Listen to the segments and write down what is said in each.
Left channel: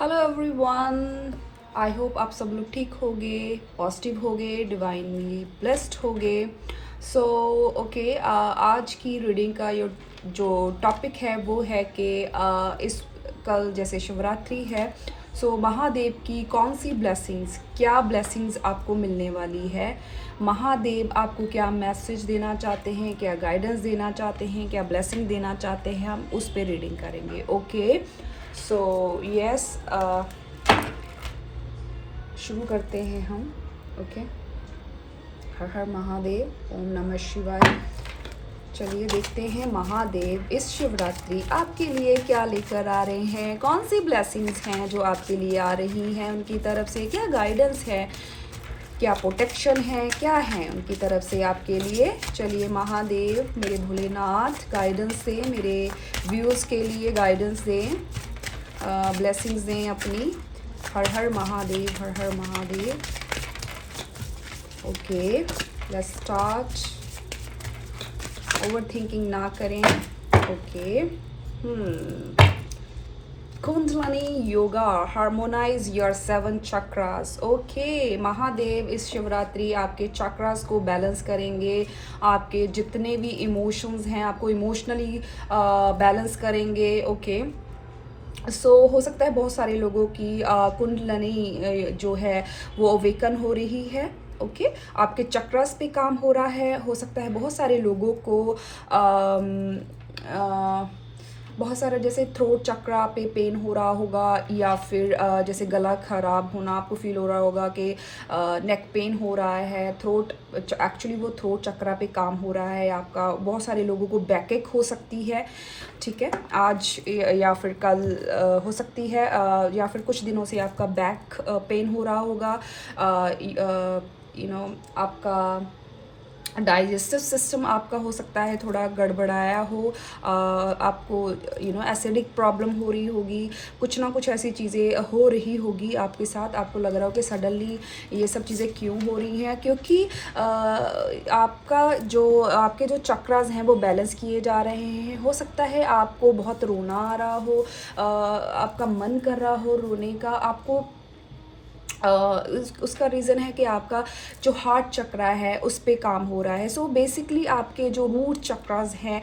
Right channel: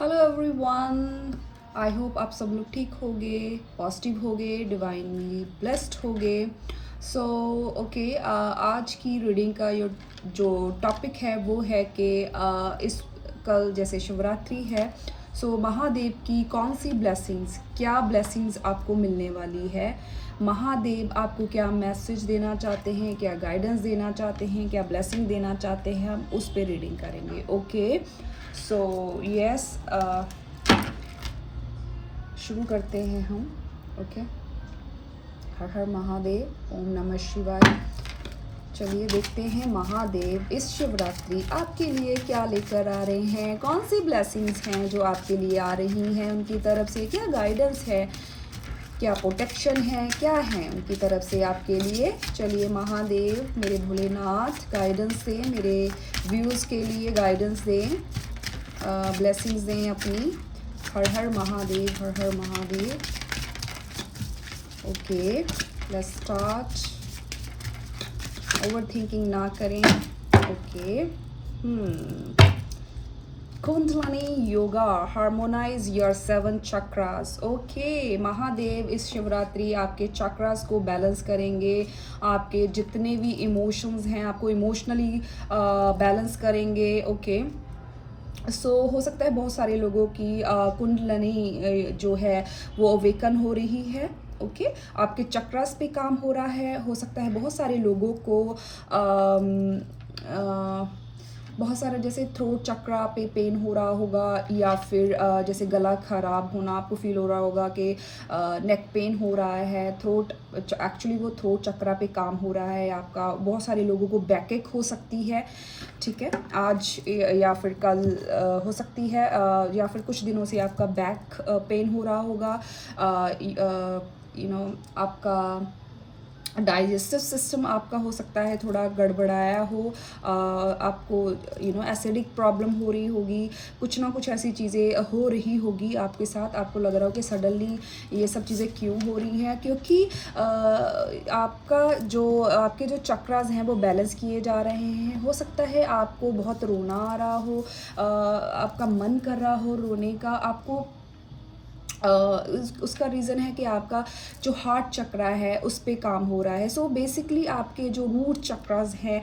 Hello everyone. I hope आप सब लोग ठीक होगे, पॉजिटिव होगे, डिवाइनली ब्लेस्ड होगे। सो ओके, आज की रीडिंग का जो टॉपिक है वो है कि इस कल जैसे शिवरात्रि है, सो महादेव की कौन सी ब्लेसिंग्स, क्या ब्लेसिंग्स आपको मिलने वाली है। महादेव आपको क्या मैसेज देना चाहते हैं, क्या गाइडेंस देना चाहते हैं, क्या ब्लेसिंग देना चाहते हैं, हम उस पर रीडिंग करेंगे। ओके, सो यस, शुरू करते हैं हम। ओके, हर हर महादेव, ओम नमः शिवाय। चलिए देखते हैं महादेव इस शिवरात्रि आपके लिए क्या लेकर आ रहे हैं, कौन सी ब्लेसिंग्स हैं जो आपके लिए आ रही हैं उनकी तरफ से, क्या गाइडेंस है, क्या प्रोटेक्शन है, क्या है उनकी तरफ से आपके लिए। चलिए महादेव मेरे भोलेनाथ गाइडेंस दें, मेरे व्यूज़ के लिए गाइडेंस दें, ब्लेसिंग्स दें अपनी। हर हर महादेव, हर हर Mahadev. Okay, let's start. Over thinking ना करें। Okay, kundalini yoga, harmonise your 7 chakras. Okay, Mahadev इस शिवरात्रि आपके चक्रास को बैलेंस करेंगे, आपके जितने भी इमोशंस हैं आपको इमोशनली बैलेंस करेंगे। ओके, हो सकता है बहुत सारे लोगों की कुंडलिनी जो है वो अवेकन हो रही है। ओके, आपके चक्रास पे काम हो रहा है। हो सकता है बहुत सारे लोगों को बहुत सारा जैसे थ्रोट चक्रा पे पेन हो रहा होगा, या फिर जैसे गला खराब होना आपको फील हो रहा होगा कि नेक पेन हो रहा है। थ्रोट एक्चुअली वो थ्रोट चक्रा पे काम हो रहा है आपका। बहुत सारे लोगों को बैकएक हो सकती है, ठीक है, आज या फिर कल हो सकती है, या फिर कुछ दिनों से आपका बैक पेन हो रहा होगा। आपका डाइजेस्टिव सिस्टम आपका हो सकता है थोड़ा गड़बड़ाया हो, आपको एसिडिक प्रॉब्लम हो रही होगी, कुछ ना कुछ ऐसी चीज़ें हो रही होगी आपके साथ। आपको लग रहा हो कि सडनली ये सब चीज़ें क्यों हो रही हैं, क्योंकि आपके जो चक्रास हैं वो बैलेंस किए जा रहे हैं। हो सकता है आपको बहुत रोना आ रहा हो, आपका मन कर रहा हो रोने का, आपको उसका रीज़न है कि आपका जो हार्ट चक्रा है उस पे काम हो रहा है। बेसिकली आपके जो रूट चक्रास हैं,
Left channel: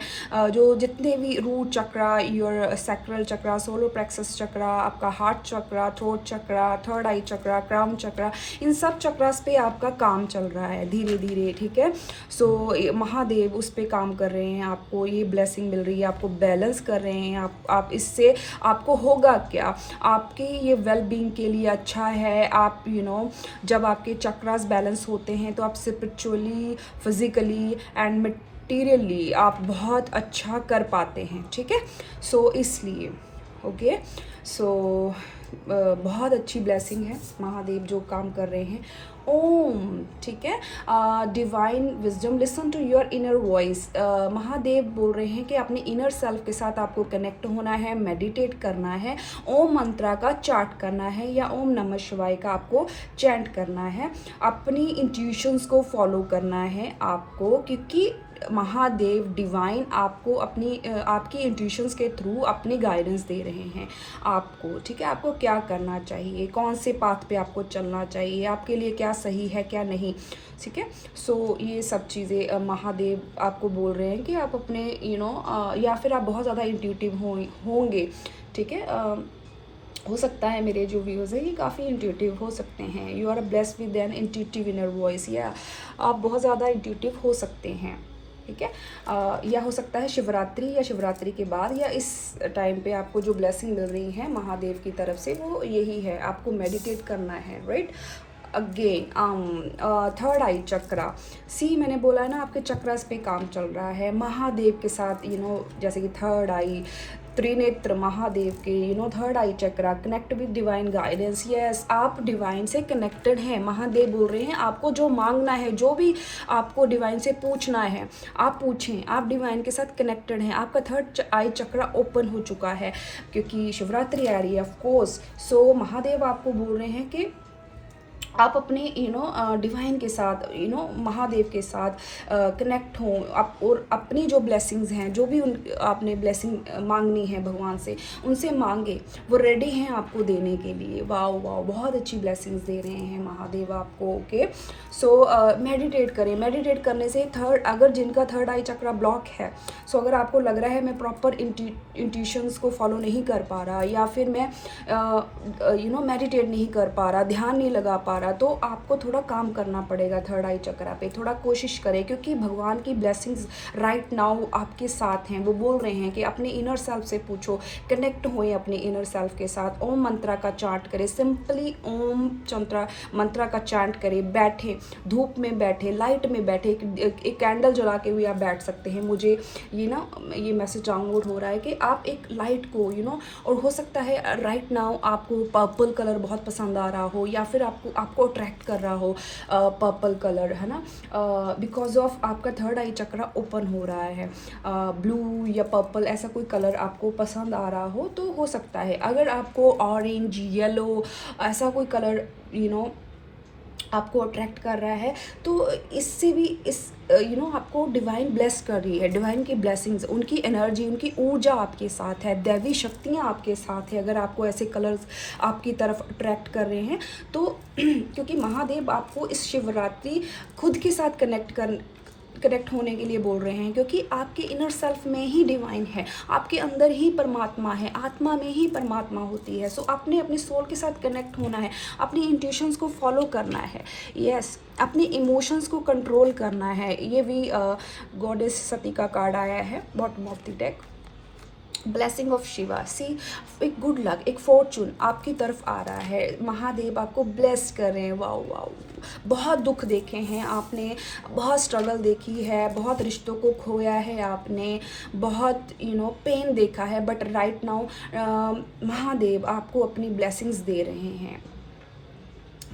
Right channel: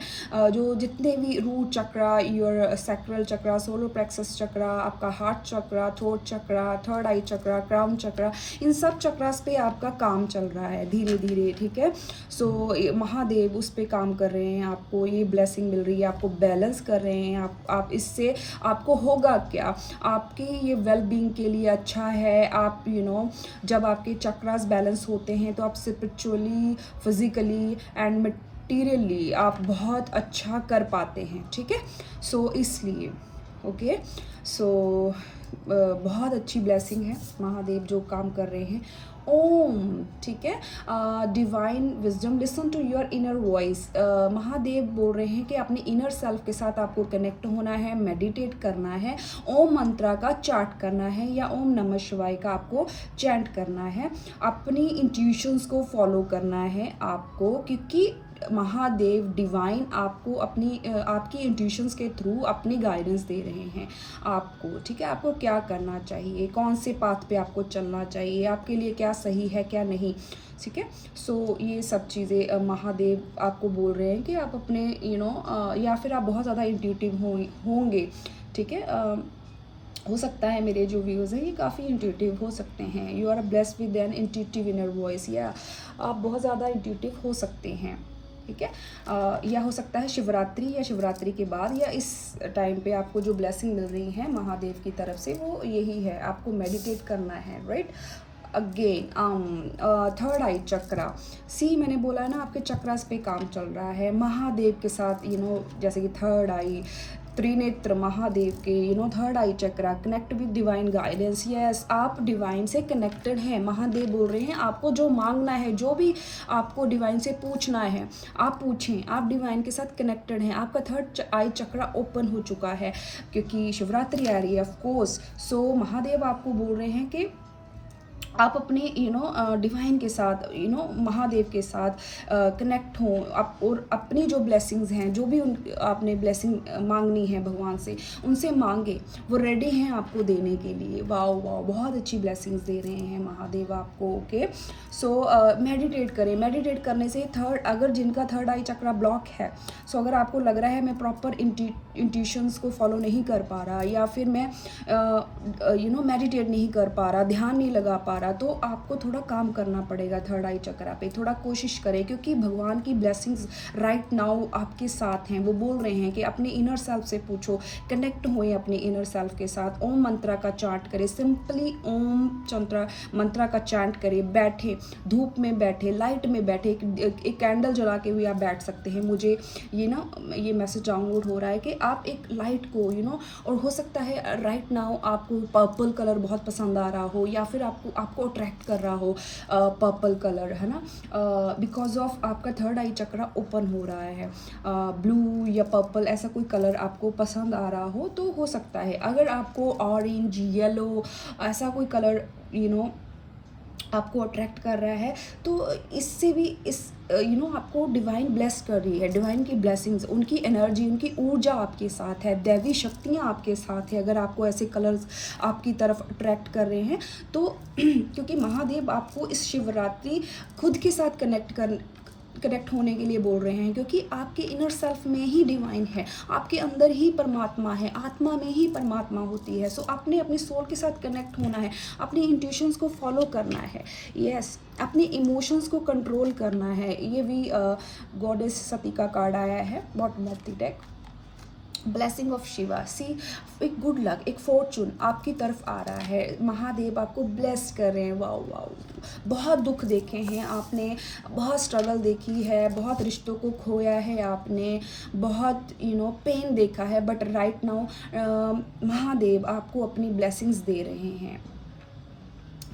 जो जितने भी root chakra, your sacral chakra, solar plexus chakra, आपका heart chakra, throat chakra, third eye chakra, crown chakra, इन सब चक्रास पे आपका काम चल रहा है धीरे धीरे, ठीक है। महादेव उस पे काम कर रहे हैं, आपको ये ब्लेसिंग मिल रही है, आपको बैलेंस कर रहे हैं। आप इससे आपको होगा क्या, आपके ये वेल बीइंग के लिए अच्छा है। आप जब आपके चक्रास बैलेंस होते हैं तो आप स्पिरिचुअली, फिजिकली एंड मटेरियली आप बहुत अच्छा कर पाते हैं, ठीक है। इसलिए ओके, बहुत अच्छी ब्लेसिंग है महादेव जो काम कर रहे हैं। ओम, ठीक है, divine wisdom, listen to your inner voice. Mahadev बोल रहे हैं कि अपने इनर सेल्फ के साथ आपको कनेक्ट होना है, मेडिटेट करना है, ओम मंत्रा का चार्ट करना है, या ओम नमः शिवाय का आपको चैंट करना है, अपनी इंट्यूशंस को फॉलो करना है आपको, क्योंकि महादेव डिवाइन आपको आपकी इंट्यूशंस के थ्रू अपनी गाइडेंस दे रहे हैं आपको, ठीक है। आपको क्या करना चाहिए, कौन से पाथ पे आपको चलना चाहिए, आपके लिए क्या सही है क्या नहीं, ठीक है। ये सब चीज़ें महादेव आपको बोल रहे हैं कि आप अपने या फिर आप बहुत ज़्यादा इंट्यूटिव होंगे, ठीक है। हो सकता है मेरे जो व्यूज़ हैं ये काफ़ी इंट्यूटिव हो सकते हैं। You are blessed with an intuitive inner voice, या आप बहुत ज़्यादा इंट्यूटिव हो सकते हैं, ठीक है। या हो सकता है शिवरात्रि या शिवरात्रि के बाद या इस टाइम पे आपको जो ब्लेसिंग मिल रही है महादेव की तरफ से वो यही है, आपको मेडिटेट करना है, राइट। अगेन थर्ड आई चक्रा, मैंने बोला है ना आपके चक्रास पे काम चल रहा है महादेव के साथ, जैसे कि थर्ड आई, त्रिनेत्र महादेव के, third eye chakra, connect with divine guidance. Yes, आप डिवाइन से कनेक्टेड हैं। महादेव बोल रहे हैं आपको जो मांगना है, जो भी आपको डिवाइन से पूछना है आप पूछें, आप डिवाइन के साथ कनेक्टेड हैं। आपका थर्ड आई चक्रा ओपन हो चुका है क्योंकि शिवरात्रि आ रही है ऑफ कोर्स। महादेव आपको बोल रहे हैं कि आप अपने डिवाइन के साथ महादेव के साथ कनेक्ट हों आप, और अपनी जो ब्लेसिंग्स हैं, जो भी उन आपने ब्लेसिंग मांगनी है भगवान से, उनसे मांगे, वो रेडी हैं आपको देने के लिए। वाह वाह, बहुत अच्छी ब्लेसिंग्स दे रहे हैं महादेव आपको। ओके, सो मेडिटेट करें। मेडिटेट करने से अगर जिनका थर्ड आई चक्रा ब्लॉक है, सो अगर आपको लग रहा है मैं प्रॉपर इंट्यूशंस को फॉलो नहीं कर पा रहा, या फिर मैं मेडिटेट नहीं कर पा रहा, ध्यान नहीं लगा पा रहा, तो आपको थोड़ा काम करना पड़ेगा थर्ड आई चक्रा पे। थोड़ा कोशिश करें, क्योंकि भगवान की ब्लेसिंग्स राइट नाउ आपके साथ हैं। वो बोल रहे हैं कि अपने इनर सेल्फ से पूछो, कनेक्ट होए अपने इनर सेल्फ के साथ। ओम मंत्रा का चांट करें, सिंपली ओम मंत्रा का चांट करें। बैठे, धूप में बैठे, लाइट में बैठे, एक कैंडल जला के भी आप बैठ सकते हैं। मुझे ये मैसेज डाउनलोड हो रहा है कि आप एक लाइट को और हो सकता है राइट नाउ आपको पर्पल कलर बहुत पसंद आ रहा हो, या फिर आपको अट्रैक्ट कर रहा हो पर्पल कलर, है ना, बिकॉज ऑफ आपका थर्ड आई चक्रा ओपन हो रहा है। ब्लू या पर्पल ऐसा कोई कलर आपको पसंद आ रहा हो तो हो सकता है। अगर आपको ऑरेंज, येलो ऐसा कोई कलर आपको अट्रैक्ट कर रहा है, तो इससे भी आपको डिवाइन ब्लेस कर रही है। डिवाइन की ब्लेसिंग्स, उनकी एनर्जी, उनकी ऊर्जा आपके साथ है, दैवी शक्तियाँ आपके साथ है। अगर आपको ऐसे कलर्स आपकी तरफ अट्रैक्ट कर रहे हैं तो क्योंकि महादेव आपको इस शिवरात्रि खुद के साथ कनेक्ट होने के लिए बोल रहे हैं, क्योंकि आपके इनर सेल्फ में ही डिवाइन है, आपके अंदर ही परमात्मा है, आत्मा में ही परमात्मा होती है। सो आपने अपनी सोल के साथ कनेक्ट होना है, अपनी इंट्यूशंस को फॉलो करना है, यस, अपने इमोशंस को कंट्रोल करना है। ये भी गॉडेस सती का कार्ड आया है bottom of the deck. Blessing of Shiva, see एक गुड लक, एक फॉर्चून आपकी तरफ आ रहा है। महादेव आपको ब्लेस कर रहे हैं। वाओ वाओ, बहुत दुख देखे हैं आपने, बहुत स्ट्रगल देखी है, बहुत रिश्तों को खोया है आपने, बहुत पेन देखा है, बट राइट नाउ महादेव आपको अपनी ब्लेसिंग्स दे रहे हैं,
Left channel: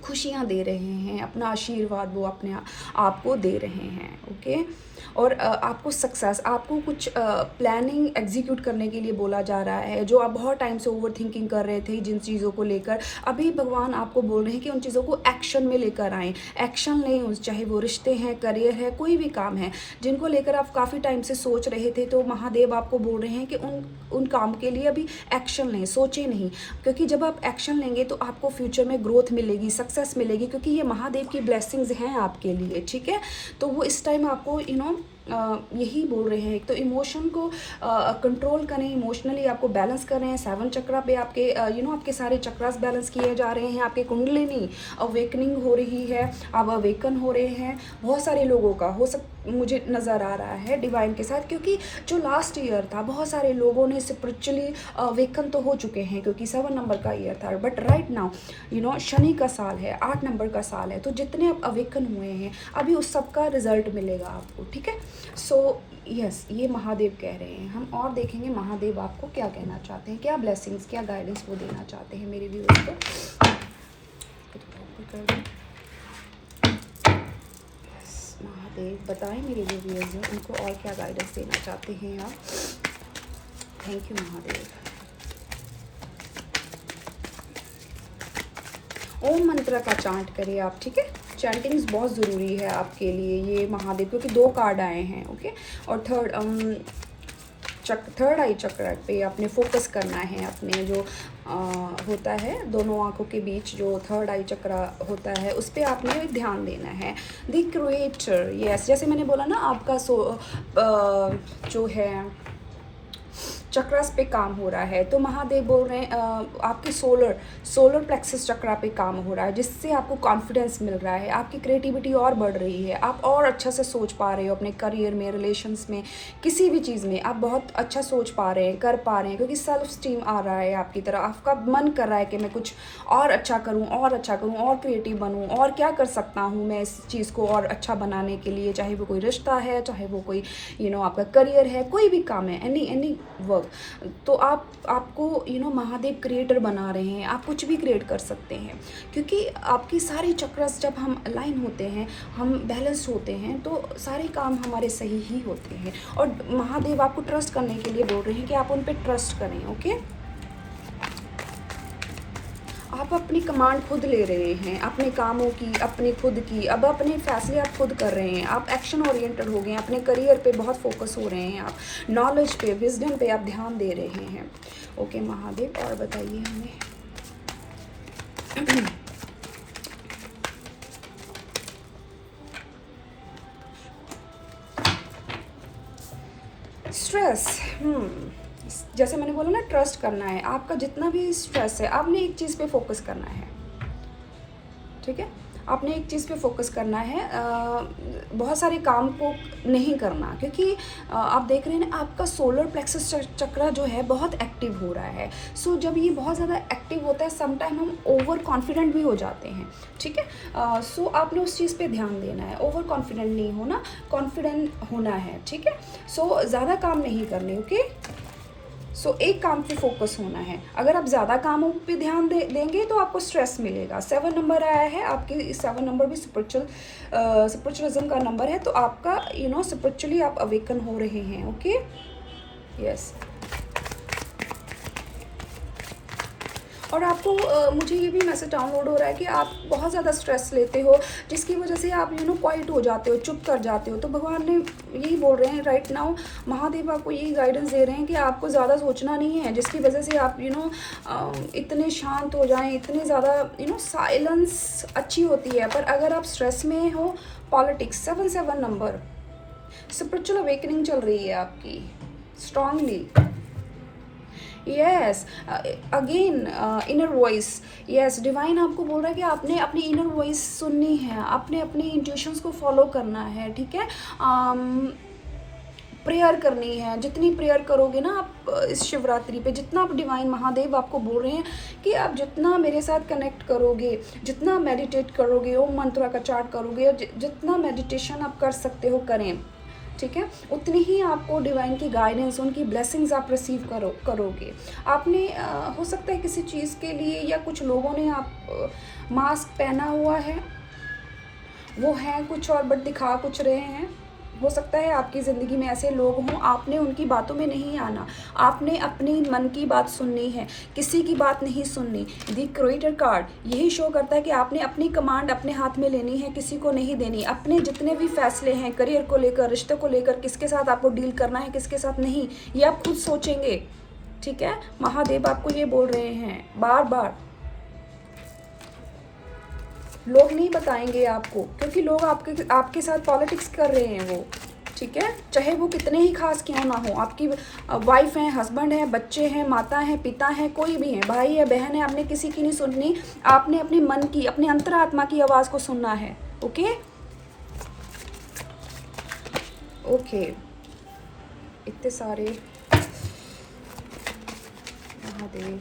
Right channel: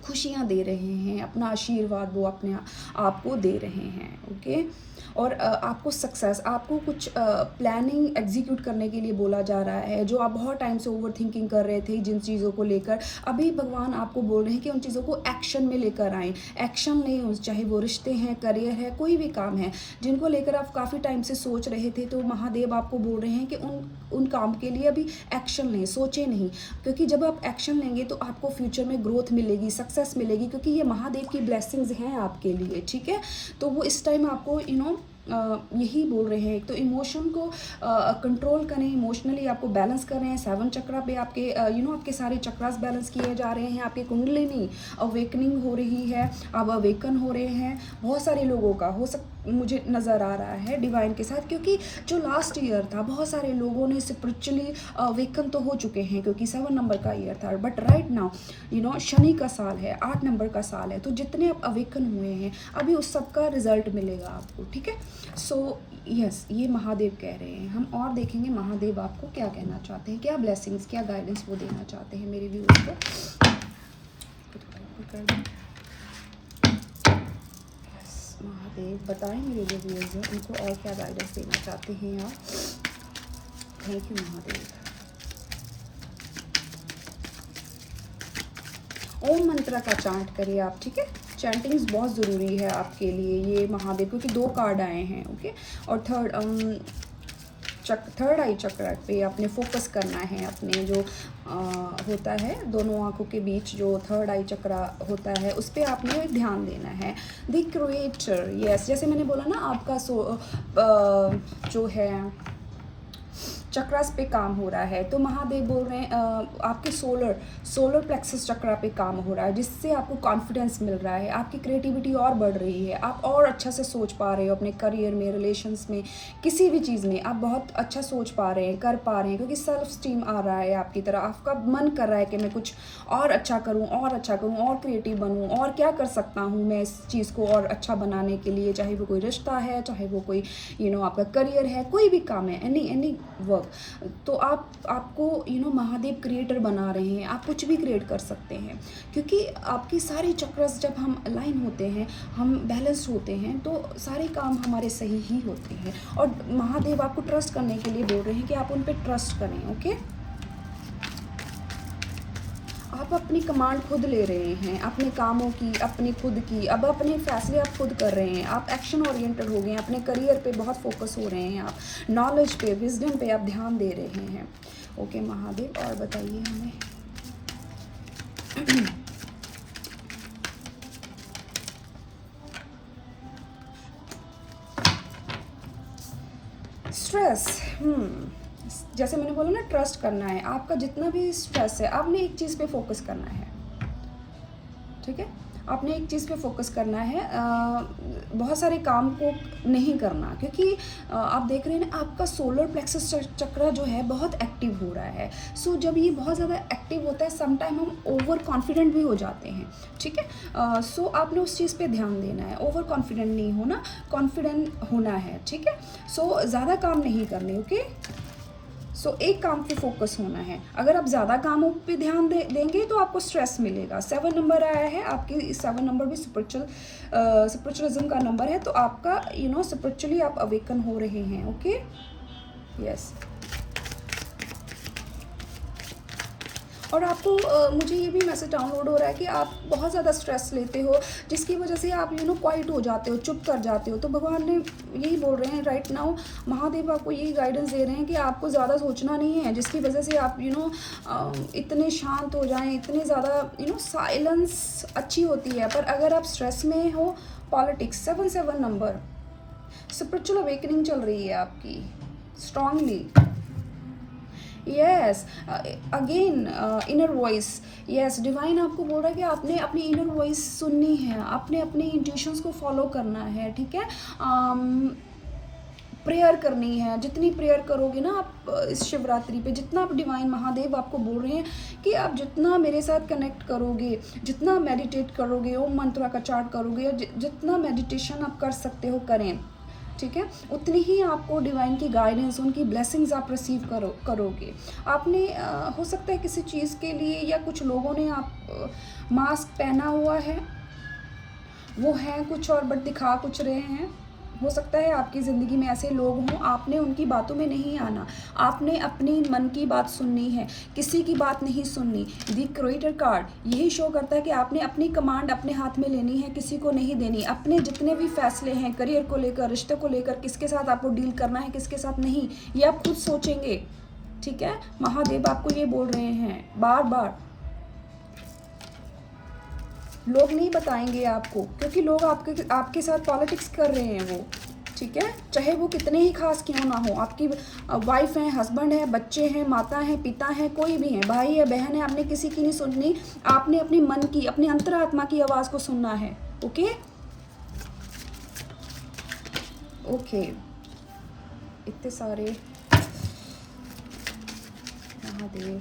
खुशियाँ दे रहे हैं, अपना आशीर्वाद वो अपने आपको दे रहे हैं। ओके, और आपको सक्सेस, आपको कुछ प्लानिंग एग्जीक्यूट करने के लिए बोला जा रहा है। जो आप बहुत टाइम से ओवर थिंकिंग कर रहे थे जिन चीज़ों को लेकर, अभी भगवान आपको बोल रहे हैं कि उन चीज़ों को एक्शन में लेकर आएँ। एक्शन लें, चाहे वो रिश्ते हैं, करियर है, कोई भी काम है जिनको लेकर आप काफ़ी टाइम से सोच रहे थे, तो महादेव आपको बोल रहे हैं कि उन काम के लिए अभी एक्शन लें, सोचें नहीं, क्योंकि जब आप एक्शन लेंगे तो आपको फ्यूचर में ग्रोथ मिलेगी, सक्सेस मिलेगी, क्योंकि ये महादेव की ब्लेसिंग्स हैं आपके लिए। ठीक है, तो वो इस टाइम आपको यही बोल रहे हैं। तो इमोशन को कंट्रोल करें, इमोशनली आपको बैलेंस कर रहे हैं। 7 चक्रा पे आपके आपके सारे चक्रास बैलेंस किए जा रहे हैं। आपके कुंडलिनी अवेकनिंग हो रही है, आप अवेकन हो रहे हैं। बहुत सारे लोगों का मुझे नज़र आ रहा है डिवाइन के साथ, क्योंकि जो लास्ट ईयर था बहुत सारे लोगों ने स्पिरिचुअली अवेकन तो हो चुके हैं, क्योंकि 7 नंबर का ईयर था। बट राइट नाउ शनि का साल है, 8 नंबर का साल है, तो जितने आप अवेकन हुए हैं अभी उस सब का रिजल्ट मिलेगा आपको। ठीक है, सो यस, ये महादेव कह रहे हैं। हम और देखेंगे महादेव आपको क्या कहना चाहते हैं, क्या ब्लेसिंग्स, क्या गाइडेंस वो देना चाहते हैं मेरे व्यूअर्स को। यस, महादेव बताएं मेरे जो व्यूअर्स हैं उनको और क्या गाइडेंस देना चाहते हैं यार। Thank you Mahadev. ओम मंत्र का चांट करिए आप। ठीक है, चैंटिंग्स बहुत ज़रूरी है आपके लिए ये महादेव, क्योंकि 2 कार्ड आए हैं। ओके, और थर्ड आई चक्र पे आपने फोकस करना है। अपने जो होता है दोनों आंखों के बीच जो थर्ड आई चक्र होता है उस पर आपने ध्यान देना है। द क्रिएटर, यस, जैसे मैंने बोला ना, आपका जो है चक्रास पे काम हो रहा है, तो महादेव बोल रहे हैं आपके सोलर प्लेक्सस चक्रा पे काम हो रहा है, जिससे आपको कॉन्फिडेंस मिल रहा है, आपकी क्रिएटिविटी और बढ़ रही है, आप और अच्छा से सोच पा रहे हो अपने करियर में, रिलेशंस में, किसी भी चीज़ में आप बहुत अच्छा सोच पा रहे हैं, कर पा रहे हैं, क्योंकि सेल्फ स्टीम आ रहा है आपकी तरफ। आपका मन कर रहा है कि मैं कुछ और अच्छा करूँ, और क्रिएटिव बनूँ, और क्या कर सकता हूँ मैं इस चीज़ को और अच्छा बनाने के लिए, चाहे वो कोई रिश्ता है, चाहे वो कोई आपका करियर है, कोई भी काम है, एनी वर्क। तो आपको महादेव क्रिएटर बना रहे हैं, आप कुछ भी क्रिएट कर सकते हैं, क्योंकि आपके सारे चक्रास जब हम अलाइन होते हैं, हम बैलेंस होते हैं, तो सारे काम हमारे सही ही होते हैं। और महादेव आपको ट्रस्ट करने के लिए बोल रहे हैं कि आप उन पर ट्रस्ट करें। ओके, आप आप अपनी कमांड खुद ले रहे हैं, अपने कामों की, अपने खुद की। अब अपने फैसले आप खुद कर रहे हैं, आप एक्शन ओरिएंटेड हो गए हैं, अपने करियर पे बहुत फोकस हो रहे हैं, आप नॉलेज पे, विजडम पे आप ध्यान दे रहे हैं। ओके महादेव, और बताइए हमें। स्ट्रेस, जैसे मैंने बोला ना, ट्रस्ट करना है। आपका जितना भी स्ट्रेस है, आपने एक चीज़ पे फोकस करना है, ठीक है? आपने एक चीज़ पे फोकस करना है, बहुत सारे काम को नहीं करना, क्योंकि आप देख रहे हैं ना, आपका सोलर प्लेक्सस चक्र जो है बहुत एक्टिव हो रहा है। सो जब ये बहुत ज़्यादा एक्टिव होता है, समटाइम हम ओवर कॉन्फिडेंट भी हो जाते हैं, ठीक है? सो आपने उस चीज़ पे ध्यान देना है, ओवर कॉन्फिडेंट नहीं होना, कॉन्फिडेंट होना है, ठीक है? सो ज़्यादा काम नहीं करने, ओके? सो एक काम पे फोकस होना है। अगर आप ज़्यादा कामों पे ध्यान देंगे तो आपको स्ट्रेस मिलेगा। 7 नंबर आया है, आपके 7 नंबर भी स्पिरिचुअलिज्म का नंबर है, तो आपका स्पिरिचुअली आप अवेकन हो रहे हैं, ओके? यस। और आपको मुझे ये भी मैसेज डाउनलोड हो रहा है कि आप बहुत ज़्यादा स्ट्रेस लेते हो, जिसकी वजह से आप क्वाइट हो जाते हो, चुप कर जाते हो। तो भगवान ने यही बोल रहे हैं राइट नाउ, महादेव आपको यही गाइडेंस दे रहे हैं कि आपको ज़्यादा सोचना नहीं है, जिसकी वजह से आप इतने शांत हो जाएं, इतने ज़्यादा साइलेंस अच्छी होती है। पर अगर आप स्ट्रेस में हो, पॉलिटिक्स 7 नंबर, स्पिरिचुअल अवेकनिंग चल रही है आपकी strongly. Yes, again inner voice, yes, divine आपको बोल रहा है कि आपने अपनी इनर वॉइस सुननी है, आपने अपनी इंट्यूशंस को फॉलो करना है, ठीक है? प्रेयर करनी है। जितनी प्रेयर करोगे ना आप इस शिवरात्रि पे, जितना आप डिवाइन महादेव आपको बोल रहे हैं कि आप जितना मेरे साथ कनेक्ट करोगे, जितना मेडिटेट करोगे, ओम मंत्रा का चार्ट करोगे, या जितना मेडिटेशन आप कर सकते हो करें, ठीक है? उतनी ही आपको डिवाइन की गाइडेंस, उनकी ब्लेसिंग्स आप रिसीव करोगे। आपने हो सकता है किसी चीज़ के लिए, या कुछ लोगों ने आप मास्क पहना हुआ है, वो है कुछ और बट दिखा कुछ रहे हैं। हो सकता है आपकी ज़िंदगी में ऐसे लोग हों, आपने उनकी बातों में नहीं आना, आपने अपनी मन की बात सुननी है, किसी की बात नहीं सुननी। द क्रिएटर कार्ड यही शो करता है कि आपने अपनी कमांड अपने हाथ में लेनी है, किसी को नहीं देनी। अपने जितने भी फैसले हैं, करियर को लेकर, रिश्ते को लेकर, किसके साथ आपको डील करना है, किसके साथ नहीं, ये आप खुद सोचेंगे, ठीक है? महादेव आपको ये बोल रहे हैं बार बार। लोग नहीं बताएंगे आपको, क्योंकि लोग आपके साथ पॉलिटिक्स कर रहे हैं वो, ठीक है? चाहे वो कितने ही खास क्यों ना हो, आपकी वाइफ है, हस्बैंड है, बच्चे हैं, माता है, पिता है, कोई भी है, भाई है, बहन है, आपने किसी की नहीं सुननी। आपने अपने मन की, अपने अंतरात्मा की आवाज़ को सुनना है, ओके? ओके, इतने सारे महादेव,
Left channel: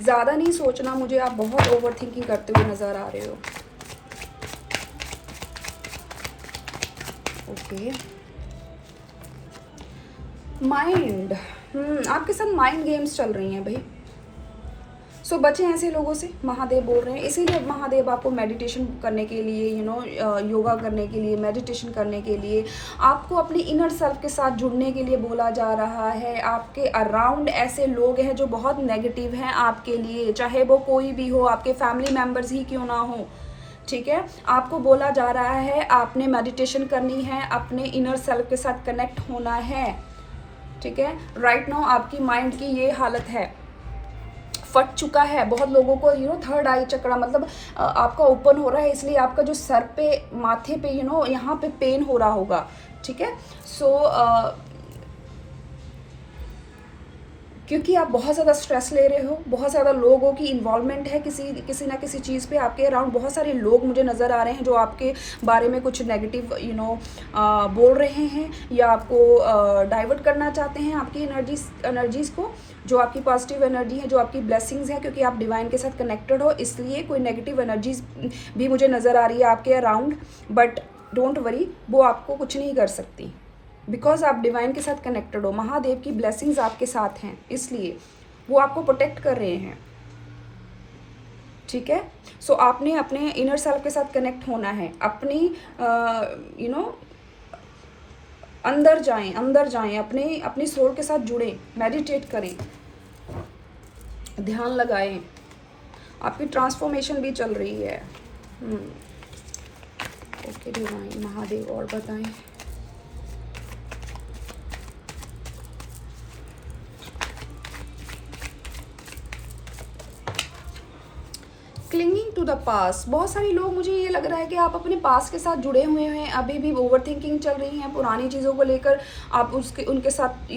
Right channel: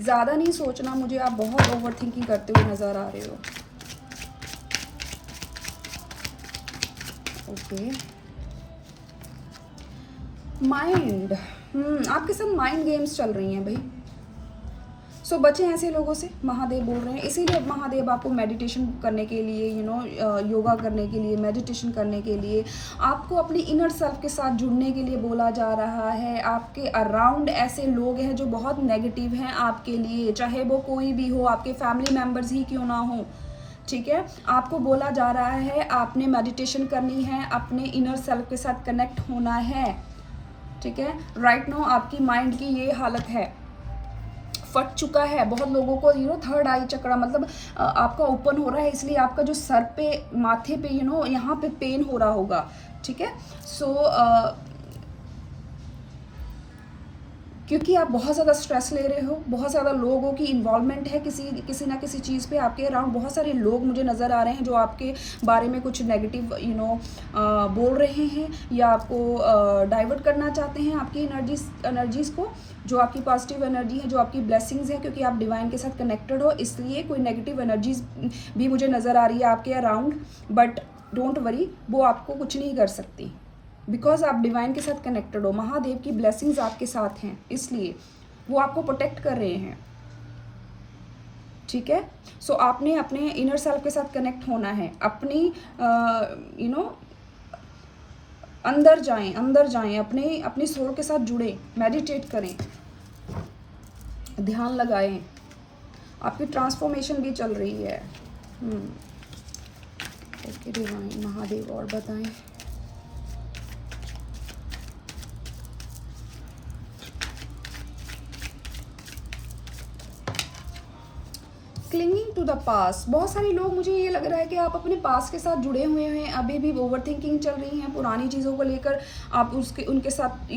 ज़्यादा नहीं सोचना मुझे, आप बहुत ओवर थिंकिंग करते हुए नज़र आ रहे हो, ओके? माइंड, आपके साथ माइंड गेम्स चल रही हैं भाई। सो बचें ऐसे लोगों से, महादेव बोल रहे हैं। इसीलिए महादेव आपको मेडिटेशन करने के लिए, योगा करने के लिए, मेडिटेशन करने के लिए, आपको अपनी इनर सेल्फ के साथ जुड़ने के लिए बोला जा रहा है। आपके अराउंड ऐसे लोग हैं जो बहुत नेगेटिव हैं आपके लिए, चाहे वो कोई भी हो, आपके फैमिली मेम्बर्स ही क्यों ना हो, ठीक है? आपको बोला जा रहा है आपने मेडिटेशन करनी है, अपने इनर सेल्फ के साथ कनेक्ट होना है, ठीक है? राइट नाउ आपकी माइंड की ये हालत है, फट चुका है। बहुत लोगों को थर्ड आई चक्र, मतलब आपका ओपन हो रहा है, इसलिए आपका जो सर पे, माथे पे यहाँ पे पेन हो रहा होगा, ठीक है? सो क्योंकि आप बहुत ज़्यादा स्ट्रेस ले रहे हो, बहुत ज़्यादा लोगों की इन्वॉल्वमेंट है किसी ना किसी चीज़ पे। आपके अराउंड बहुत सारे लोग मुझे नज़र आ रहे हैं जो आपके बारे में कुछ नेगेटिव बोल रहे हैं, या आपको डाइवर्ट करना चाहते हैं आपकी एनर्जीज़ को, जो आपकी पॉजिटिव एनर्जी है, जो आपकी ब्लेसिंग्स है, क्योंकि आप डिवाइन के साथ कनेक्टेड हो, इसलिए कोई नेगेटिव एनर्जीज भी मुझे नज़र आ रही है आपके अराउंड। बट डोंट वरी, वो आपको कुछ नहीं कर सकती, बिकॉज आप डिवाइन के साथ कनेक्टेड हो। महादेव की ब्लेसिंग्स आपके साथ हैं, इसलिए वो आपको प्रोटेक्ट कर रहे हैं, ठीक है? सो आपने अपने इनर सेल्फ के साथ कनेक्ट होना है, अपनी अंदर जाएं, अपनी सोल के साथ जुड़ें, मेडिटेट करें, ध्यान लगाएं, आपकी ट्रांसफॉर्मेशन भी चल रही है। ओके डिवाइन महादेव और बताएं। क्लिंगिंग टू द पास, बहुत सारे लोग, मुझे ये लग रहा है कि आप अपने पास के साथ जुड़े हुए हैं, अभी भी ओवर थिंकिंग चल रही है पुरानी चीज़ों को लेकर, आप उनके साथ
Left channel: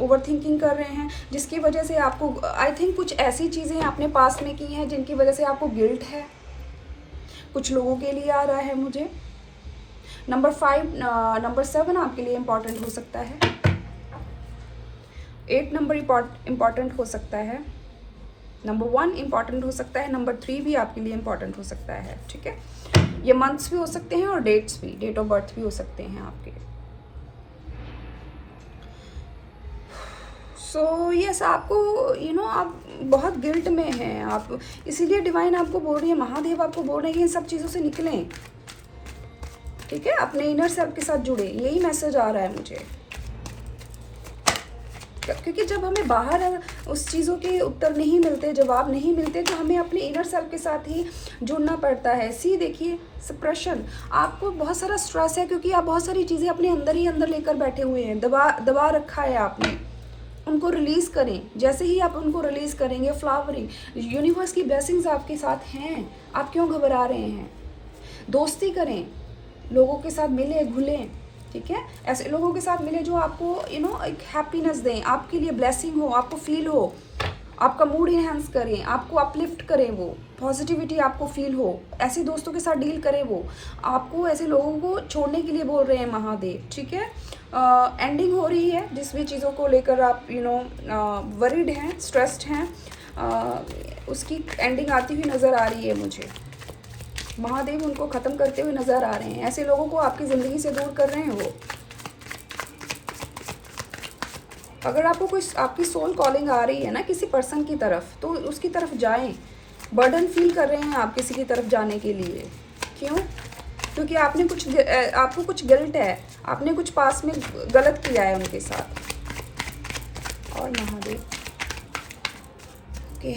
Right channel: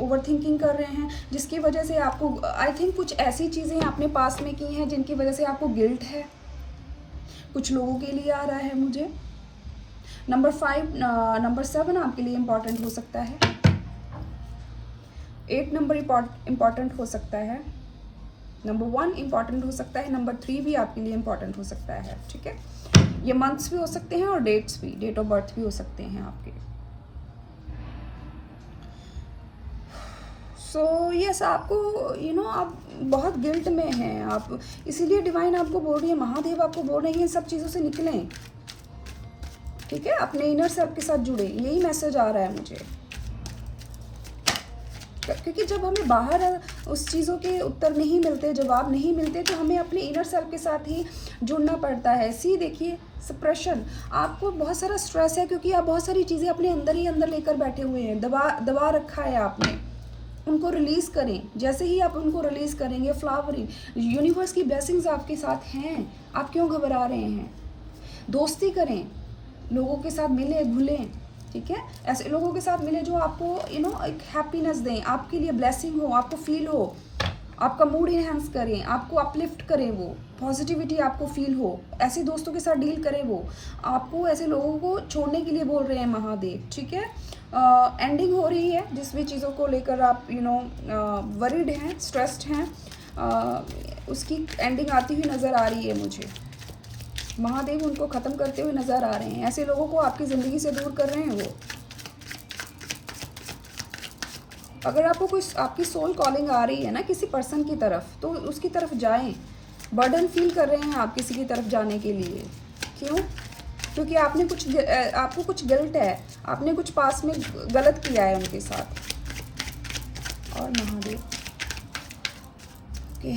ओवर थिंकिंग कर रहे हैं, जिसकी वजह से आपको आई थिंक कुछ ऐसी चीज़ें आपने पास में की हैं जिनकी वजह से आपको गिल्ट है, कुछ लोगों के लिए आ रहा है मुझे। नंबर 7 आपके लिए इम्पॉर्टेंट हो सकता है, 8 नंबर इम्पॉर्टेंट हो सकता है, नंबर 1 इम्पॉर्टेंट हो सकता है, नंबर 3 भी आपके लिए इम्पॉर्टेंट हो सकता है, ठीक है। ये मंथ्स भी हो सकते हैं और डेट्स भी, डेट ऑफ बर्थ भी हो सकते हैं आपके। सो यस, आपको आप बहुत गिल्ट में हैं आप, इसीलिए डिवाइन आपको बोल रही है, महादेव आपको बोल रहे हैं इन सब चीज़ों से निकलें, ठीक है, अपने इनर सेल्फ के साथ जुड़े, यही मैसेज आ रहा है मुझे। क्योंकि जब हमें बाहर उस चीज़ों के उत्तर नहीं मिलते, जवाब नहीं मिलते, तो हमें अपने इनर सेल्फ के साथ ही जुड़ना पड़ता है। देखिए, सप्रेशन, आपको बहुत सारा स्ट्रेस है क्योंकि आप बहुत सारी चीज़ें अपने अंदर ही अंदर लेकर बैठे हुए हैं, दबा रखा है आपने, उनको रिलीज़ करें। जैसे ही आप उनको रिलीज़ करेंगे, फ्लावरिंग, यूनिवर्स की ब्लेसिंग्स आपके साथ हैं, आप क्यों घबरा रहे हैं? दोस्ती करें, लोगों के साथ मिले घुलें, ठीक है, ऐसे लोगों के साथ मिले जो आपको एक हैप्पीनेस दें, आपके लिए ब्लेसिंग हो, आपको फील हो, आपका मूड इनहेंस करें, आपको अपलिफ्ट करें, वो पॉजिटिविटी आपको फील हो, ऐसे दोस्तों के साथ डील करें, वो आपको ऐसे लोगों को छोड़ने के लिए बोल रहे हैं महादेव, ठीक है। एंडिंग हो रही है, जिस भी चीज़ों को लेकर आप वरीड हैं, स्ट्रेस्ड हैं, उसकी एंडिंग आती हुई नज़र आ रही है मुझे। महादेव उनको ख़त्म करते हुए नज़र आ रहे हैं, ऐसे लोगों को आपकी ज़िंदगी से दूर कर रहे हैं वो। अगर आपको कोई आपकी सोल कॉलिंग आ रही है ना किसी पर्सन की तरफ, तो उसकी तरफ जाएं। बर्डन फील कर रहे हैं आप किसी की तरफ जाने के लिए, क्यों? क्योंकि आपको कुछ गिल्ट है, आपने कुछ पास में गलत किया है उनके साथ। और Mahadev, okay,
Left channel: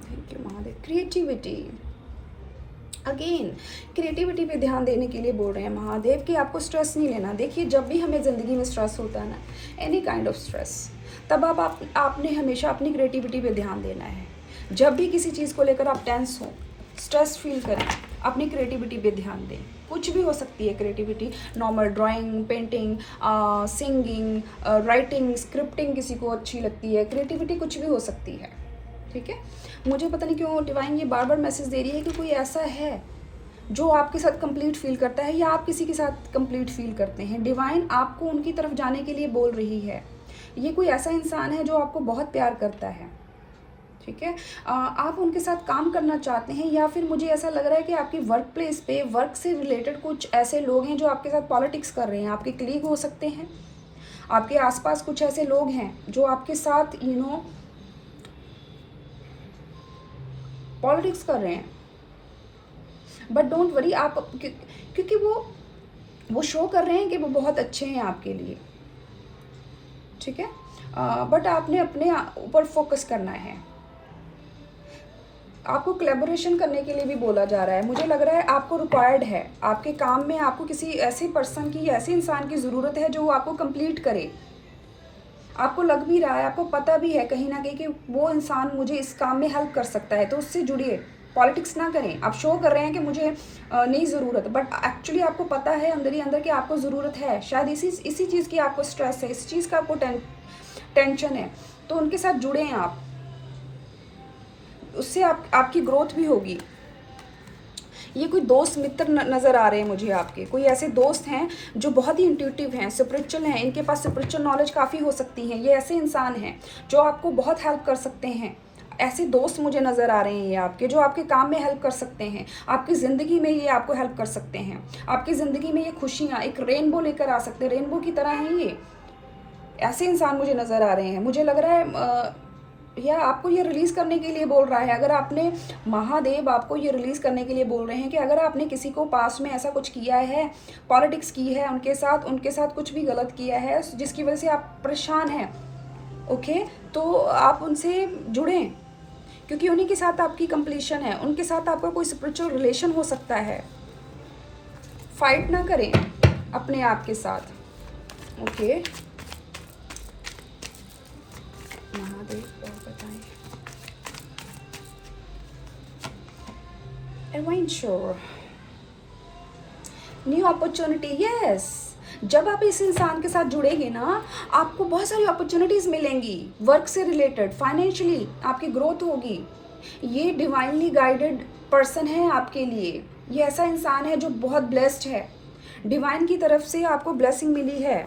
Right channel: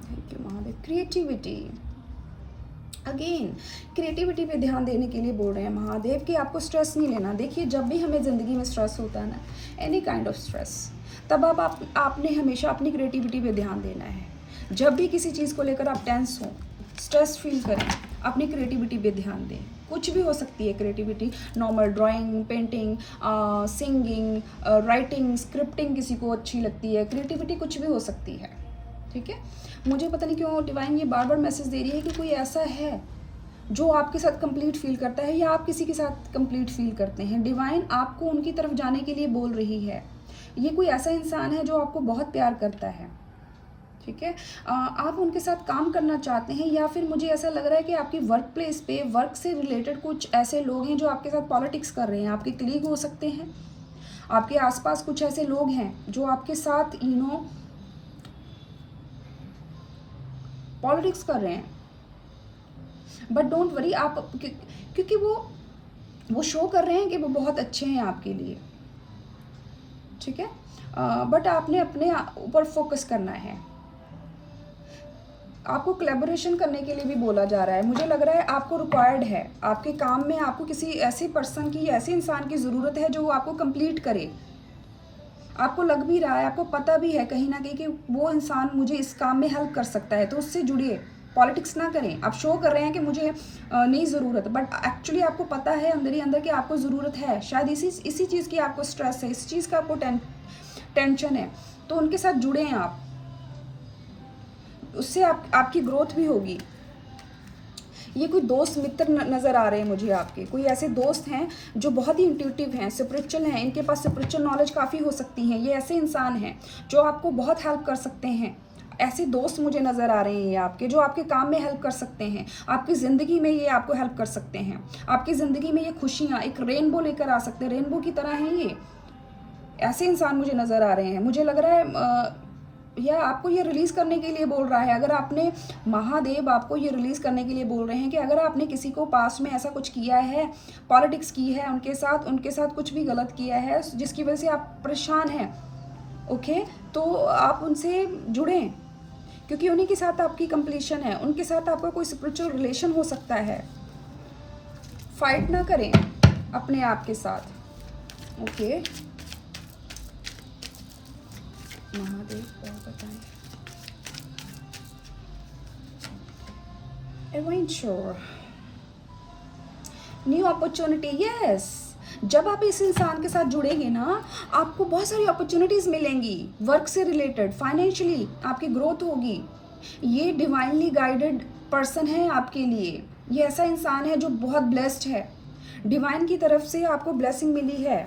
thank you Mahadev. Creativity, again creativity पे ध्यान देने के लिए बोल रहे हैं महादेव कि आपको स्ट्रेस नहीं लेना। देखिए, जब भी हमें ज़िंदगी में स्ट्रेस होता है ना, एनी काइंड ऑफ स्ट्रेस, तब आपने हमेशा अपनी क्रिएटिविटी पे ध्यान देना है। जब भी किसी चीज़ को लेकर आप टेंस हो, स्ट्रेस फील करें, अपनी क्रिएटिविटी पे ध्यान दें। कुछ भी हो सकती है creativity, normal drawing, painting, singing, writing, scripting किसी को अच्छी लगती है, क्रिएटिविटी कुछ भी हो सकती है, ठीक है। मुझे पता नहीं क्यों डिवाइन ये बार बार मैसेज दे रही है कि कोई ऐसा है जो आपके साथ कंप्लीट फील करता है, या आप किसी के साथ कंप्लीट फील करते हैं। डिवाइन आपको उनकी तरफ जाने के लिए बोल रही है। ये कोई ऐसा इंसान है जो आपको बहुत प्यार करता है, ठीक है। आप उनके साथ काम करना चाहते हैं, या फिर मुझे ऐसा लग रहा है कि आपकी वर्क प्लेस पे वर्क से रिलेटेड कुछ ऐसे लोग हैं जो आपके साथ पॉलिटिक्स कर रहे हैं। आपके कलीग हो सकते हैं, आपके आसपास कुछ ऐसे लोग हैं जो आपके साथ पॉलिटिक्स कर रहे हैं। बट डोंट वरी, आप क्योंकि वो शो कर रहे हैं कि वो बहुत अच्छे हैं आपके लिए, ठीक है। बट आपने अपने ऊपर फोकस करना है। आपको कोलैबोरेशन करने के लिए भी बोला जा रहा है। मुझे लग रहा है आपको रिक्वायर्ड है आपके काम में, आपको किसी ऐसे पर्सन की, ऐसे इंसान की ज़रूरत है जो आपको कंप्लीट करे। आपको लग भी रहा है, आपको पता भी है कहीं ना कहीं कि वो इंसान मुझे इस काम में हेल्प कर सकता है, तो उससे जुड़िए। पॉलिटिक्स ना करें। आप शो कर रहे हैं कि मुझे नहीं ज़रूरत, बट एक्चुअली आपको पता है अंदर ही अंदर कि आपको ज़रूरत है। शायद इसी चीज़ की आपको स्ट्रेस है, इस चीज़ का आपको टेंशन है, तो उनके साथ जुड़े हैं आप, उससे आपकी ग्रोथ भी होगी। ये कोई दोस्त मित्र नज़र आ रहे हैं मुझे आपके, कोई ऐसे दोस्त हैं जो बहुत ही इंट्यूटिव हैं, स्पिरिचुअल हैं, इनके पास स्पिरिचुअल नॉलेज काफ़ी हो सकती हैं। ये ऐसे इंसान हैं जो आपको बहुत हेल्प कर सकते हैं। ऐसे दोस्त मुझे नज़र आ रहे हैं ये आपके, जो आपके काम में हेल्प कर सकते हैं, आपकी ज़िंदगी में ये आपको हेल्प कर सकते हैं। आपकी ज़िंदगी में ये खुशियाँ एक रेनबो लेकर आ सकते हैं, रेनबो की तरह हैं ये। ऐसे इंसान मुझे नज़र आ रहे हैं। मुझे लग रहा है या आपको ये रिलीज़ करने के लिए बोल रहा है। अगर आपने, महादेव आपको ये रिलीज़ करने के लिए बोल रहे हैं कि अगर आपने किसी को पास में ऐसा कुछ किया है, पॉलिटिक्स की है उनके साथ कुछ भी गलत किया है जिसकी वजह से आप परेशान हैं, ओके, तो आप उनसे जुड़ें, क्योंकि उन्हीं के साथ आपकी कंप्लीशन है, उनके साथ आपका कोई स्पिरिचुअल रिलेशन हो सकता है। फाइट ना करें अपने आप के साथ। ओके महादेव और बताएं। Adventure, new opportunity, yes. जब आप इस इंसान के साथ जुड़ेंगे ना, आपको बहुत सारी अपॉर्चुनिटीज मिलेंगी, वर्क से रिलेटेड, फाइनेंशियली आपकी ग्रोथ होगी। ये डिवाइनली गाइडेड पर्सन है आपके लिए। ये ऐसा इंसान है जो बहुत ब्लेस्ड है, डिवाइन की तरफ से आपको ब्लेसिंग मिली है।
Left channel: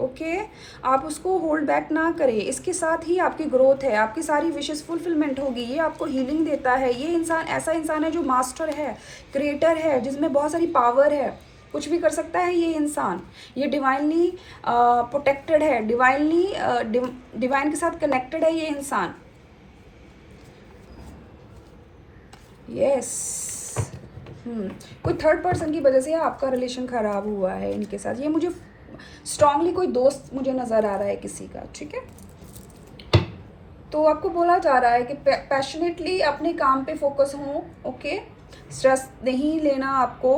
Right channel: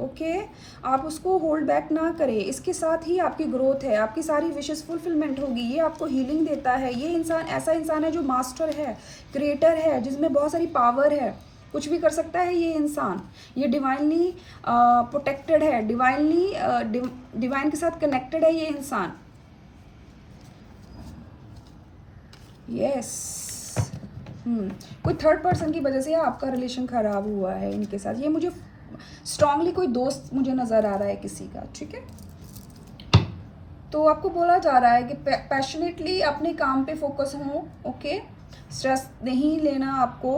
ओके आप उसको होल्ड बैक ना करें, इसके साथ ही आपकी ग्रोथ है, आपकी सारी विशेस फुलफिलमेंट होगी। ये आपको हीलिंग देता है। ये इंसान ऐसा इंसान है जो मास्टर है, क्रिएटर है, जिसमें बहुत सारी पावर है, कुछ भी कर सकता है ये इंसान। ये डिवाइनली प्रोटेक्टेड है, डिवाइनली डिवाइन के साथ कनेक्टेड है ये इंसान। यस कोई थर्ड पर्सन की वजह से आपका रिलेशन खराब हुआ है इनके साथ। ये मुझे स्ट्रांगली कोई दोस्त मुझे नजर आ रहा है किसी का, ठीक है। तो आपको बोला जा रहा है कि पैशनेटली अपने काम पे फोकस हो। ओके स्ट्रेस नहीं लेना आपको।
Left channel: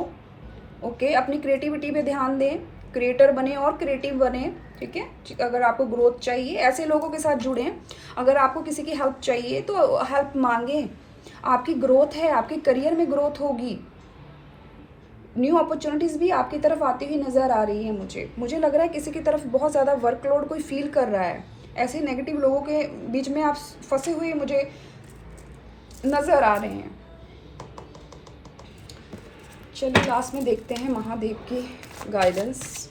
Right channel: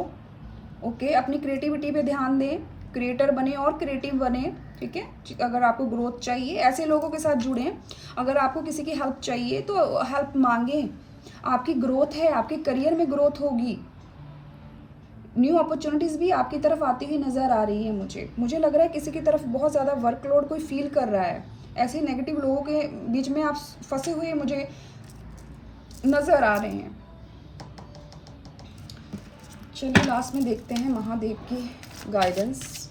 ओके अपनी क्रिएटिविटी पे ध्यान दें, क्रिएटर बने और क्रिएटिव बने, ठीक है। अगर आपको ग्रोथ चाहिए ऐसे लोगों के साथ जुड़ें। अगर आपको किसी की हेल्प चाहिए तो हेल्प मांगें। आपकी ग्रोथ है, आपके करियर में ग्रोथ होगी। न्यू अपॉर्चुनिटीज़ भी आपकी तरफ आती हुई नज़र आ रही है। मुझे लग रहा है किसी की तरफ बहुत ज़्यादा वर्कलोड कोई फील कर रहा है। ऐसे नेगेटिव लोगों के बीच में आप फंसे हुए मुझे नज़र आ रहे हैं। चलिए लास्ट में देखते हैं महादेव की गाइडेंस।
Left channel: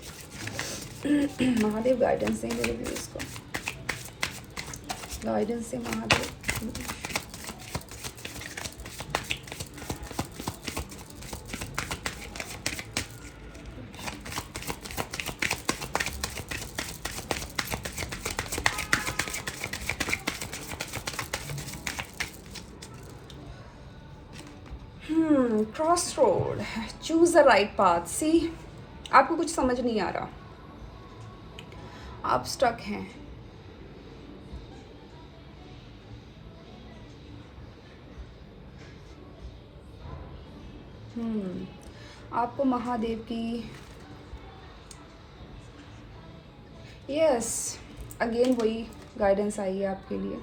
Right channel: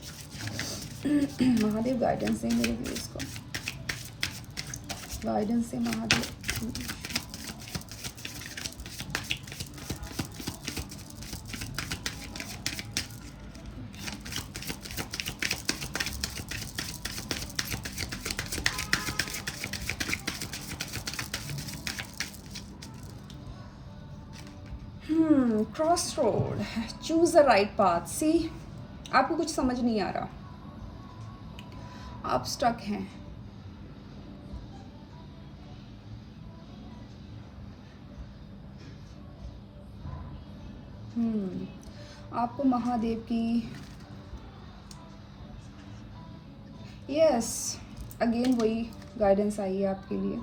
महादेव गाइडेंस देंगे मेरे लिए, इसको गाइडेंस से Mahadev. Cross road, choose the right path. See आपको कुछ समझ नहीं आ रहा, आप स्टक हैं। आपको महादेव की यस अगेन वही गाइडेंस आई है आपके लिए।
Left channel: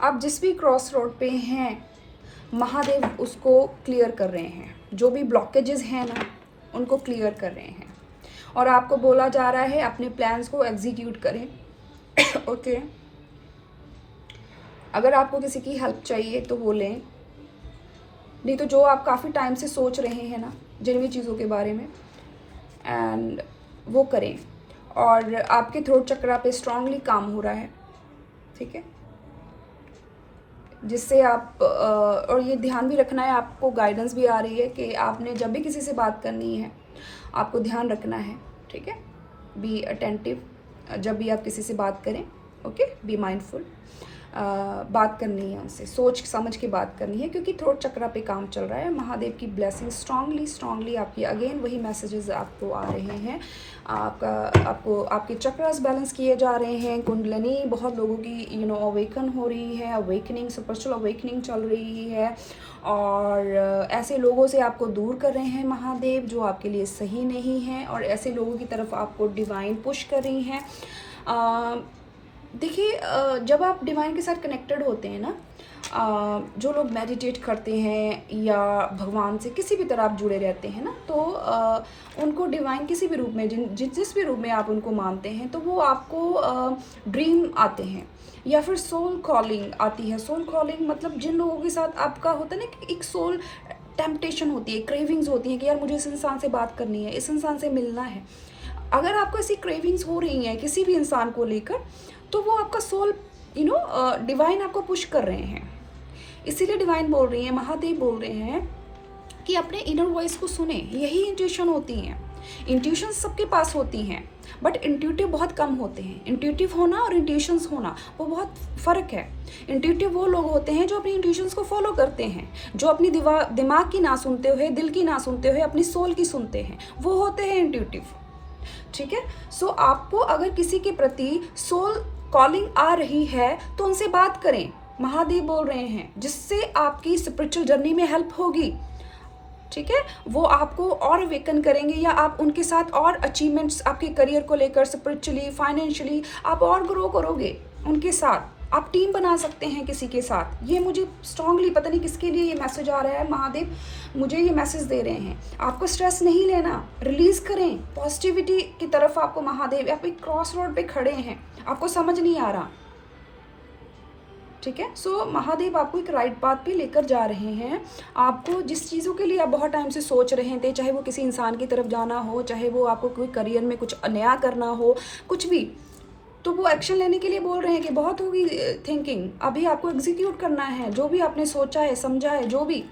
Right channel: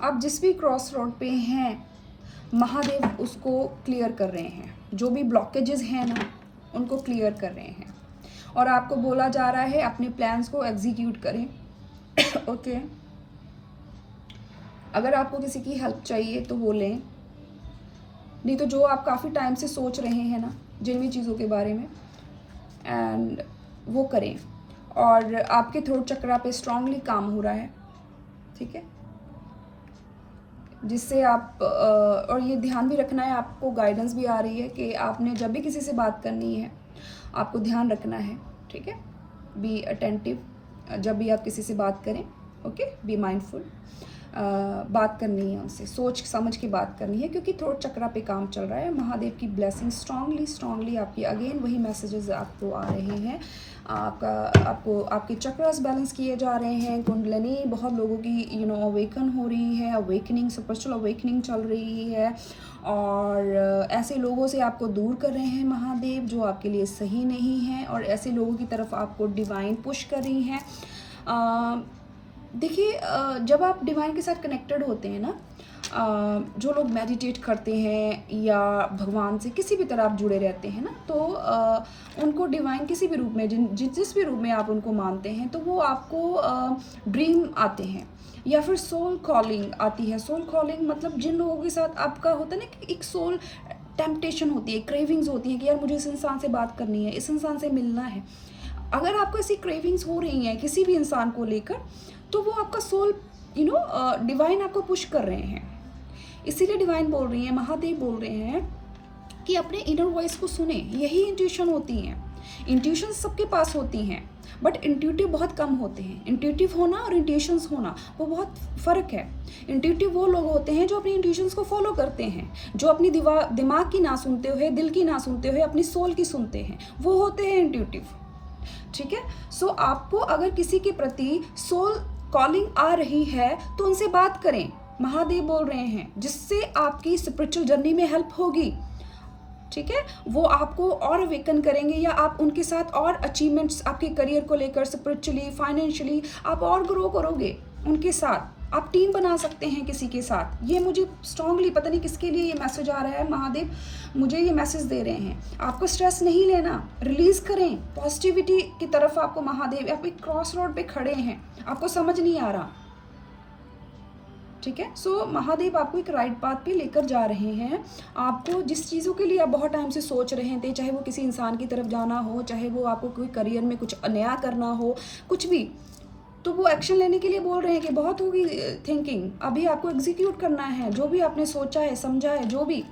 आप जिस भी क्रॉस रोड पे हैं महादेव उसको क्लियर कर रहे हैं। जो भी ब्लॉकेजेस हैं ना उनको क्लियर कर रहे हैं और आपको बोला जा रहा है अपने प्लान्स को एग्जीक्यूट करें। ओके अगर आपको किसी की हेल्प चाहिए तो वो लें, नहीं तो जो आप काफ़ी टाइम से सोच रहे हैं ना जिन भी चीज़ों के बारे में, एंड वो करें। और आपके थ्रोट चक्रा पे स्ट्रांगली काम हो रहा है, ठीक है, जिससे आप और ये ध्यान भी रखना है, आपको गाइडेंस भी आ रही है कि आपने जब भी किसी से बात करनी है आपको ध्यान रखना है, ठीक है। बी अटेंटिव जब भी आप किसी से बात करें। Okay be mindful. बात करनी है उनसे, सोच समझ के बात करनी है, क्योंकि थ्रोट चक्रा पे काम चल रहा है। महादेव की ब्लेसिंग स्ट्रांगली आपकी अगेन वही मैसेजेस आपको आ रहे हैं। आपको आपके चक्रास बैलेंस किए जा रहे हैं। कुंडलिनी बहुत लोगों की अवेकन हो रही है, अवेकनिंग स्पिरिचुअल अवेकनिंग चल रही है और ऐसे लोगों से आपको दूर कर रहे हैं महादेव जो आपके लिए सही नहीं है, और ऐसे लोगों की तरफ आपको डिवाइन पुश कर रही हैं। देखिए जब आप डिवाइन के साथ कनेक्टेड होते हैं ना, जो लोग मेडिटेट करते हैं या भगवान से किसी भी तरह आप जुड़े रहते हैं ना, तो उनको डिवाइन किसी भी रूप में जिस भी रूप में आप उनको मानते हैं, तो वो आपको ड्रीम आते हैं या फिर सोल कॉलिंग आती है। सोल कॉलिंग मतलब जिन लोगों के साथ आपका होता है ना एक सोल टेम्पटेशन होती है, क्रेविंग्स होती है कि यार मुझे इस इंसान से बात करनी है, इस इंसान से मिलना है। अगर आपको ऐसी क्रेविंग्स हो रही हैं किसी भी इंसान को लेकर, तो वो आपका सोल डिवाइन आपको पुश कर रहे हैं। इसीलिए डिवाइन बोल रही है, महादेव बोल रहे हैं कि अपने इनर वॉइस को सुने। यही इंट्यूशन होती हैं। इंट्यूशन सबके पास होती हैं, बट इंट्यूटिव बहुत कम होते हैं। इंट्यूटिव होना और इंट्यूशंस होना वो बहुत फ़र्क है। इंट्यूटिव वो लोग होते हैं जो अपनी इंट्यूशंस को फॉलो करते हैं, जो अपनी दिमाग की ना सुनते हुए, दिल की ना सुनते हुए अपनी सोल की सुनते हैं, वो होते हैं इंट्यूटिव, ठीक है। सो आपको अगर किसी के प्रति सोल कॉलिंग आ रही है तो उनसे बात करें, महादेव बोल रहे हैं, जिससे आपकी स्पिरिचुअल जर्नी में हेल्प होगी, ठीक है। वो आपको और अवेकन करेंगे, या आप उनके साथ और अचीवमेंट्स आपके करियर को लेकर, स्पिरिचुअली, फाइनेंशियली आप और ग्रो करोगे उनके साथ। आप टीम बना सकते हैं किसी के साथ। ये मुझे स्ट्रांगली, पता नहीं किसके लिए ये मैसेज आ रहा है, महादेव मुझे ये मैसेज दे रहे हैं। आपको स्ट्रेस नहीं लेना, रिलीज करें पॉजिटिविटी की तरफ। आपको महादेव, आप एक क्रॉस रोड पे खड़े हैं, आपको समझ नहीं आ रहा, ठीक है। सो महादेव आपको एक राइट पाथ पे लेकर जा रहे हैं। आपको जिस चीज़ों के लिए आप बहुत टाइम से सोच रहे थे, चाहे वो किसी इंसान की तरफ जाना हो, चाहे वो आपको कोई करियर में कुछ नया करना हो, कुछ भी, तो वो एक्शन लेने के लिए बोल रहे हैं कि बहुत होगी थिंकिंग, अभी आपको एग्जीक्यूट करना है जो भी आपने सोचा है, समझा है, जो भी,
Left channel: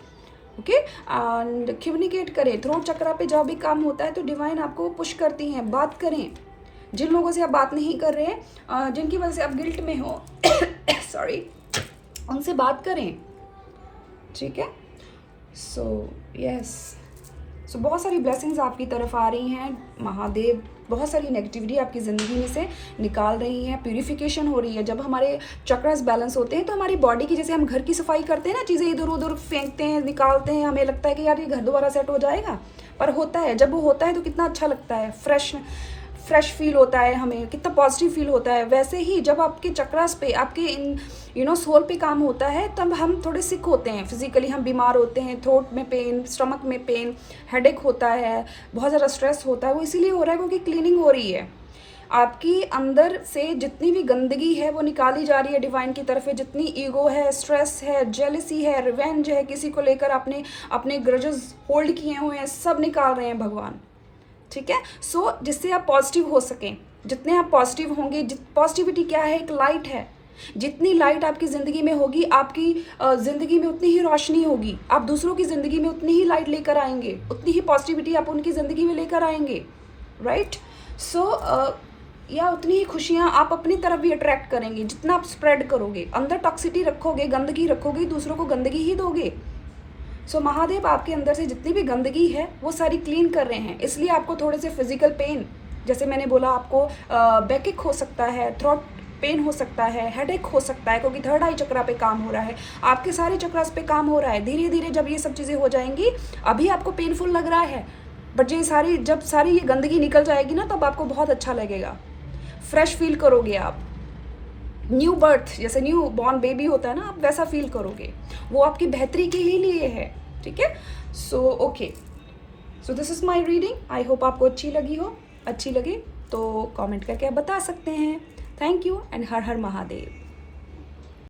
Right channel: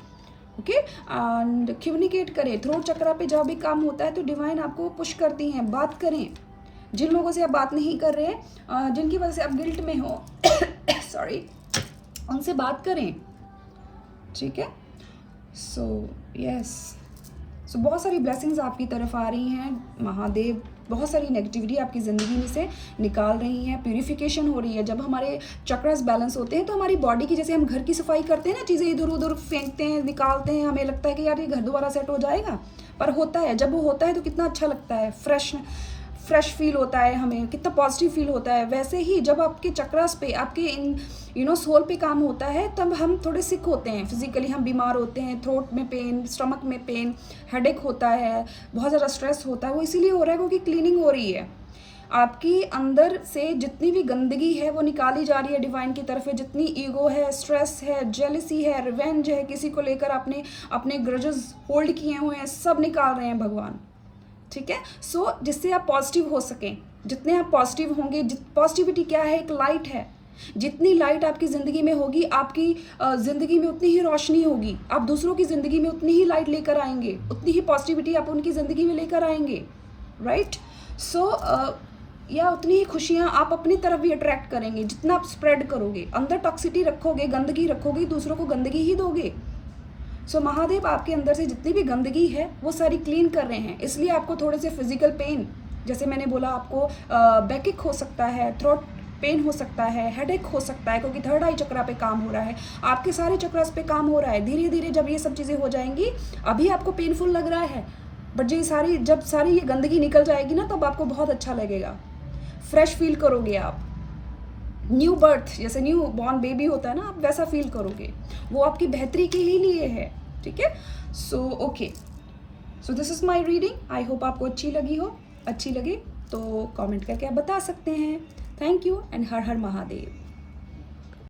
ओके। एंड कम्युनिकेट करें। थ्रोट चक्रा पे जब भी काम होता है तो डिवाइन आपको पुश करती हैं, बात करें। जिन लोगों से आप बात नहीं कर रहे हैं, जिनकी वजह से आप गिल्ट में हो सॉरी, उनसे बात करें, ठीक है। सो यस, सो बहुत सारी ब्लेसिंग्स आपकी तरफ आ रही हैं। महादेव बहुत सारी नेगेटिविटी आपकी ज़िंदगी में से निकाल रही हैं, प्यूरिफिकेशन हो रही है। जब हमारे चक्रास बैलेंस होते हैं तो हमारी बॉडी की, जैसे हम घर की सफाई करते हैं ना, चीज़ें इधर उधर फेंकते हैं, निकालते हैं, हमें लगता है कि यार ये घर दोबारा सेट हो जाएगा, पर होता है, जब वो होता है तो कितना अच्छा लगता है, फ्रेश फील होता है, हमें कितना पॉजिटिव फील होता है। वैसे ही जब आपके चक्रास पे, आपके इन सोल पे काम होता है, तब हम थोड़े सिक होते हैं, फिजिकली हम बीमार होते हैं, थ्रोट में पेन, स्टमक में पेन, हेडेक होता है, बहुत ज़्यादा स्ट्रेस होता है। वो इसीलिए हो रहा है क्योंकि क्लीनिंग हो रही है। आपकी अंदर से जितनी भी गंदगी है वो निकाली जा रही है डिवाइन की तरफ। जितनी ईगो है, स्ट्रेस है, जेलसी है, रिवेंज है, किसी को लेकर आपने अपने ग्रजेस होल्ड किए हुए हैं, सब निकाल रहे हैं भगवान, ठीक है। सो जिससे आप पॉजिटिव हो सकें, जितने आप पॉजिटिव होंगे, पॉजिटिविटी क्या है, एक लाइट है। जितनी लाइट आपकी ज़िंदगी में होगी, आपकी ज़िंदगी में उतनी ही रोशनी होगी, आप दूसरों की ज़िंदगी में उतनी ही लाइट लेकर आएंगे, उतनी ही पॉजिटिविटी आप उनकी ज़िंदगी में लेकर आएंगे, राइट। सो या उतनी ही खुशियाँ आप अपनी तरफ भी अट्रैक्ट करेंगे। जितना आप स्प्रेड करोगे, अंदर टॉक्सिटी रखोगे, गंदगी रखोगे, दूसरों को गंदगी ही दोगे। सो महादेव आपके अंदर से जितनी भी गंदगी है वो सारी क्लीन कर रहे हैं। इसलिए आपको थोड़े से फिजिकल पेन, जैसे मैंने बोला, आपको बैकएक हो सकता है, थ्रोट पेन हो सकता है, हेडेक हो सकता है, क्योंकि थर्ड आई चक्रा पे काम हो रहा है, आपके सारे चक्रास पे काम हो रहा है। धीरे धीरे जब ये सब चीज़ें हो जाएंगी, अभी आपको पेनफुल लग रहा है, बट जब सारी ये गंदगी निकल जाएगी ना, तब आपको बहुत अच्छा लगेगा, फ्रेश फील करोगे आप। न्यू बर्थ, जैसे न्यू बॉर्न बेबी होता है ना, आप वैसा फील करोगे। वो आपकी बेहतरी के ही लिए है, ठीक है। So okay, so this is my reading. I hope आपको अच्छी लगी तो कमेंट करके आप बता सकते हैं। थैंक यू एंड हर हर महादेव।